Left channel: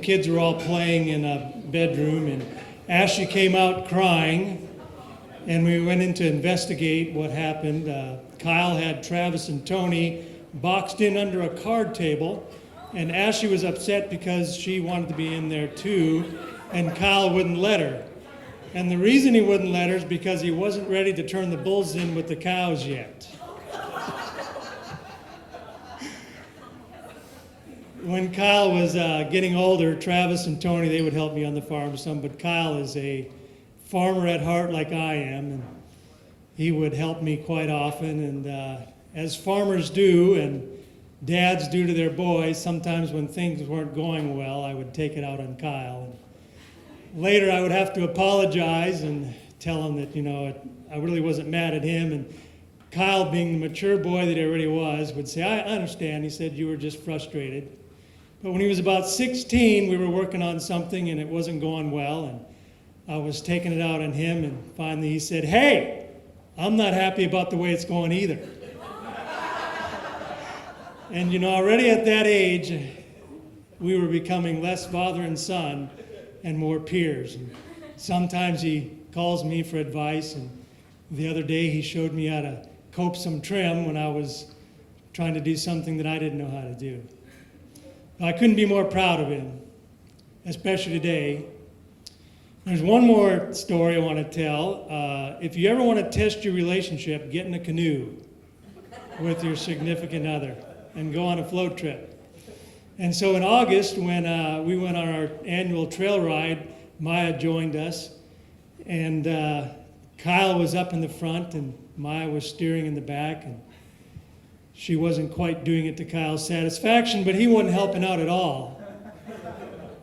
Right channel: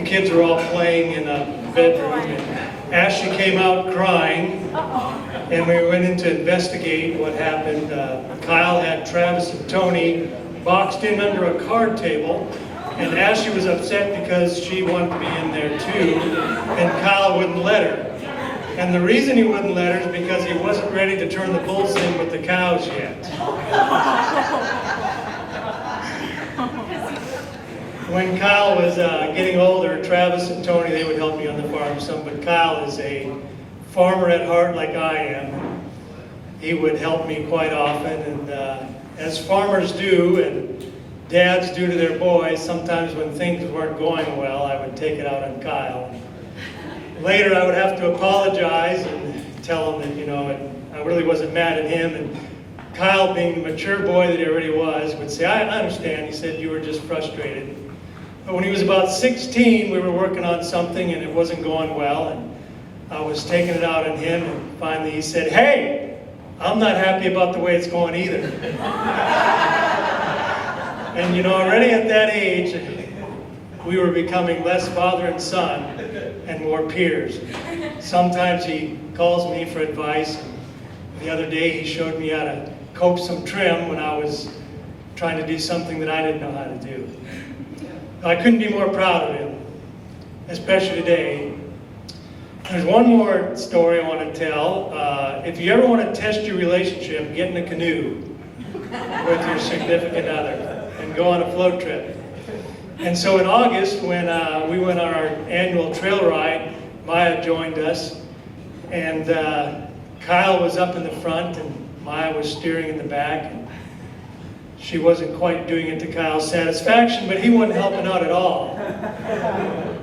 the kids were all playing in a bedroom, and Ashley came out crying, and we went in to investigate what happened. Kyle had Travis and Tony boxed in under a card table, and Ashley was upset because she wanted to be in there too, and Kyle wouldn't let her. And the reason he wouldn't let her is because he wasn't ready to turn the bulls in with the cows yet. When Kyle was getting older, Travis and Tony, they would help me on the farm some, but Kyle is a farmer at heart like I am. He would help me quite often, and as farmers do, and dads do to their boys, sometimes when things weren't going well, I would take it out on Kyle. Later, I would have to apologize and tell him that, I really wasn't mad at him. And Kyle, being the mature boy that he already was, would say, I understand. He said, you were just frustrated. But when he was about 16, we were working on something and it wasn't going well. And I was taking it out on him. And finally he said, hey, I'm not happy about the way it's going either. And already at that age, we were becoming less father and son and more peers. Sometimes he calls me for advice. And the other day he showed me how to cope some trim when I was trying to do something that I didn't know how to do. I couldn't be more proud of him, especially today. There's one more story I want to tell. If you ever want to test your relationship, get in a canoe with your significant other and go on a float trip. And so in August, when we went on our annual trail ride, Mayah joined us, and Kyle was up in the front, and Mayah was steering in the back. And she wasn't quite doing it to Kyle's satisfaction, but he wasn't helping out at all.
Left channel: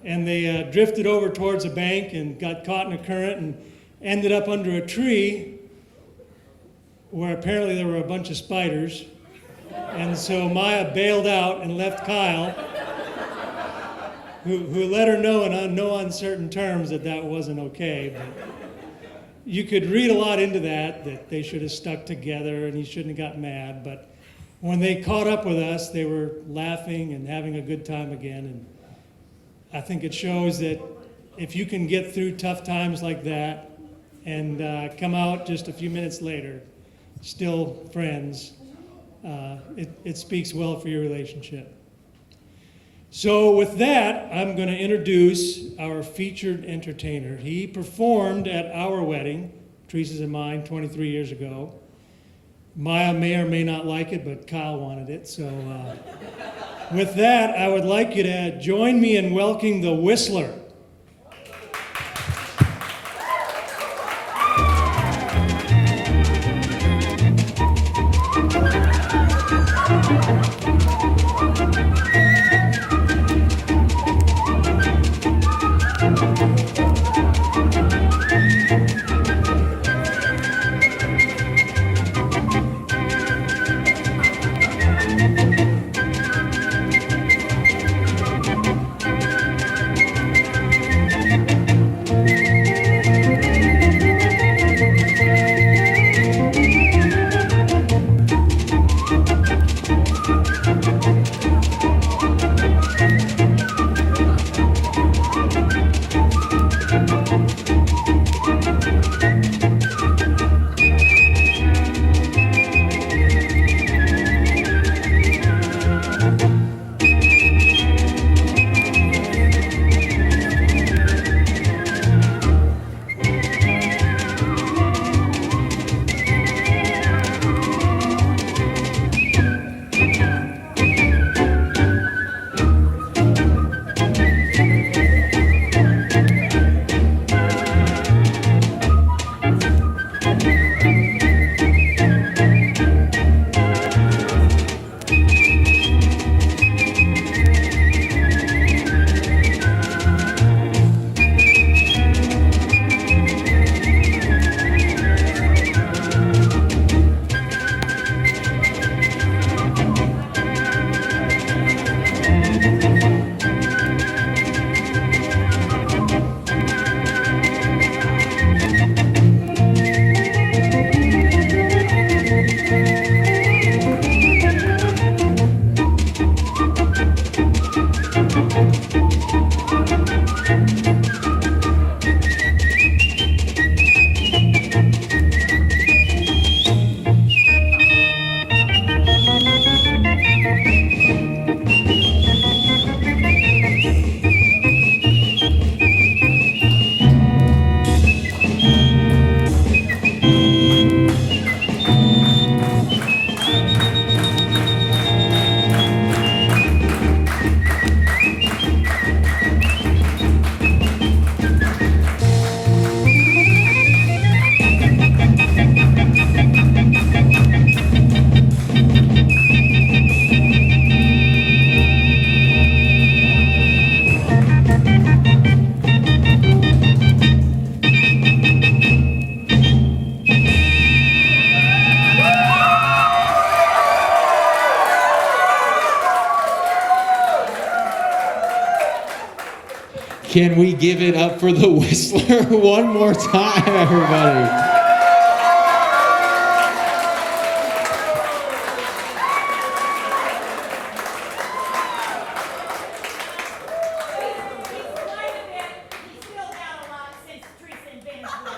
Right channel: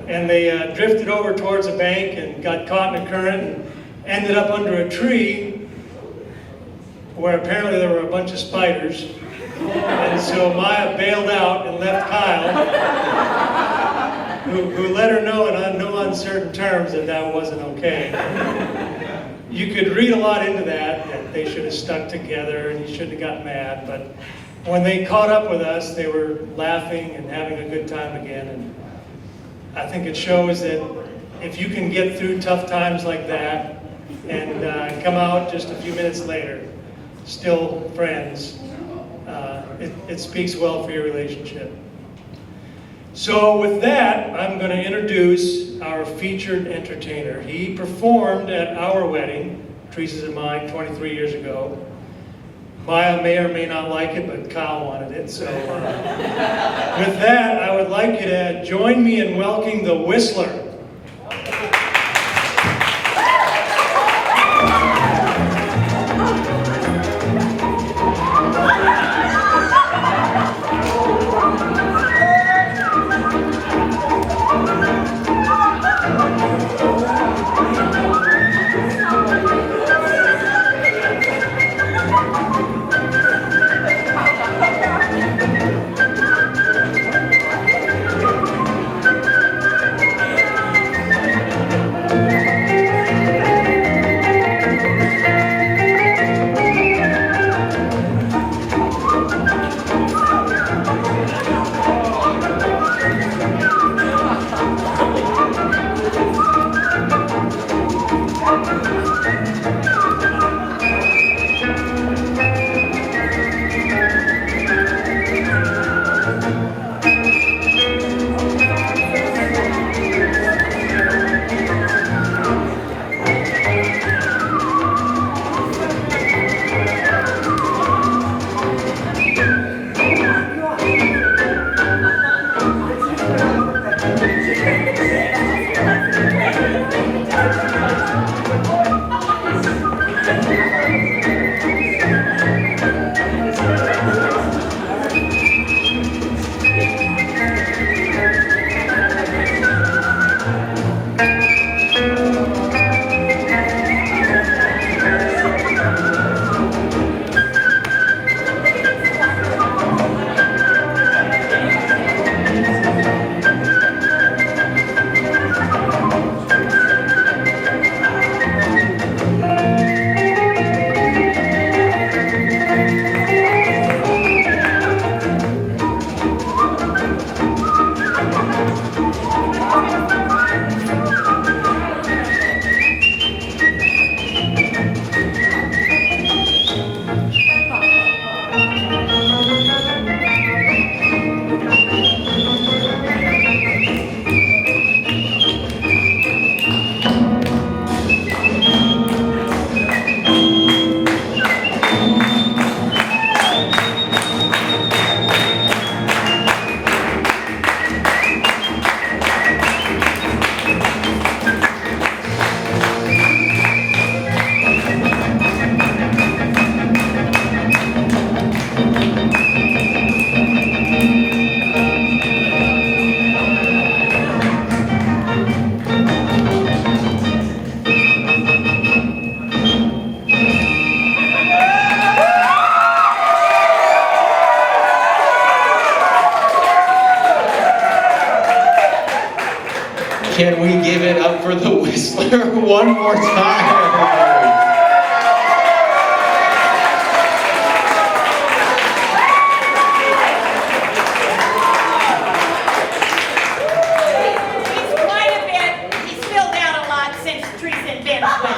And they drifted over towards the bank and got caught in a current and ended up under a tree where apparently there were a bunch of spiders. And so Mayah bailed out and left Kyle, who let her know in no uncertain terms that wasn't okay. You could read a lot into that they should have stuck together and he shouldn't have gotten mad, but when they caught up with us, they were laughing and having a good time again. And I think it shows that if you can get through tough times like that and come out just a few minutes later, still friends, it speaks well for your relationship. So with that, I'm going to introduce our featured entertainer. He performed at our wedding, Teresa's and mine, 23 years ago. Mayah may or may not like it, but Kyle wanted it. So with that, I would like you to join me in welcoming the Whistler. Can we give it up for the Whistler one more time, everybody? He's quite a bit. He's filled out a lot since Teresa and Ben's wedding.